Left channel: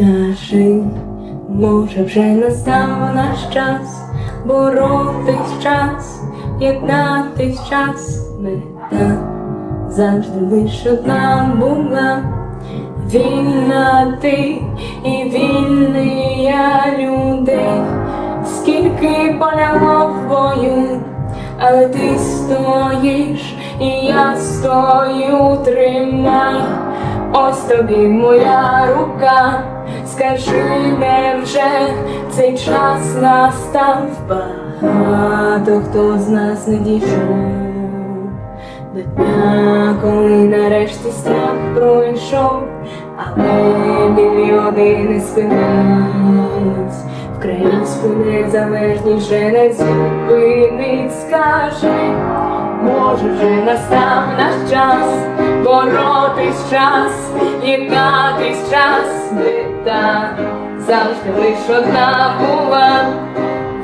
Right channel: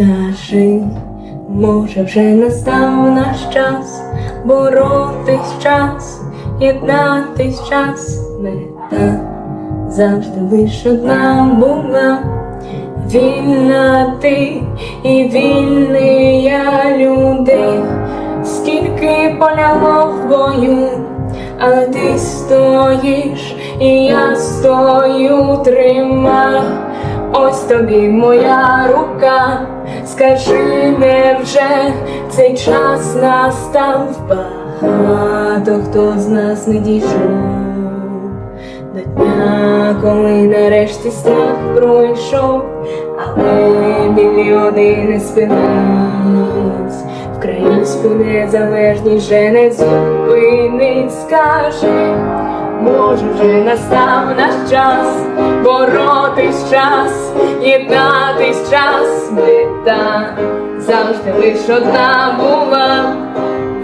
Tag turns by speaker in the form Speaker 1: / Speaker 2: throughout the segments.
Speaker 1: Скажи, може вже настав наш час, боротись час, єднатись час, мета завжди лиш одна була. Вільна ти і вільний я людей, скільки полягло в бою, але ти стоїш, і я стою, тримай, ось тобі моя рука, скажи невже цей час настав? Багато, хто з нас не дійшов. До дня, коли нарешті страх пройшов, але мільйони не спинились, Українську незалежність вже не зупинить, скажи, може вже настав наш час, боротись час, єднатись час, мета завжди лиш одна була.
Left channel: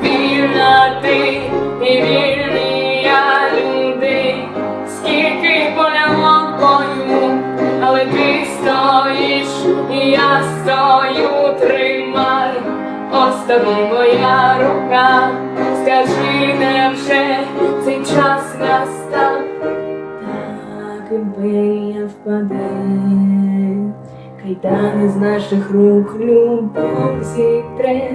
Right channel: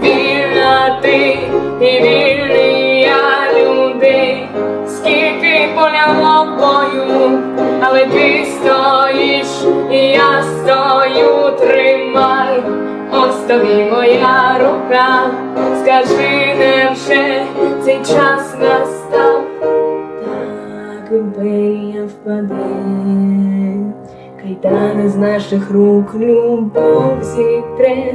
Speaker 1: Вільна ти і вільний я людей, скільки полягло в бою, але ти стоїш, і я стою, тримай, ось тобі моя рука, скажи, невже цей час настав, імперія впаде. Кайдани з наших рук любов зітре,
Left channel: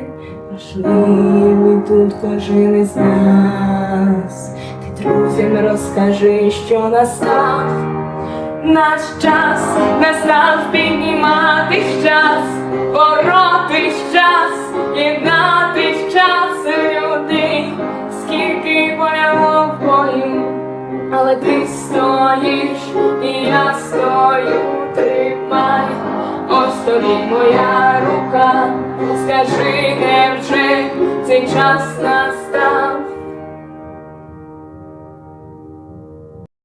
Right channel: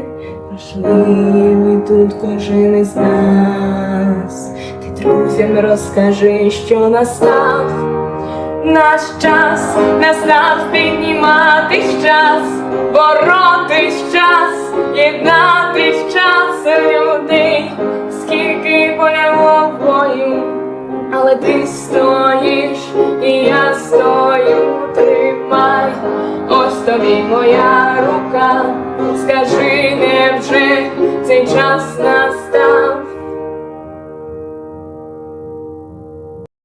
Speaker 1: важливий тут кожен із нас. Ти друзям розкажи, що настав наш час, настав підніматись час, боротись час, єднатись час людей, скільки поляло бою. Але ти стоїш, і тримай, ось тобі моя рука, скажи, невже цей час настав.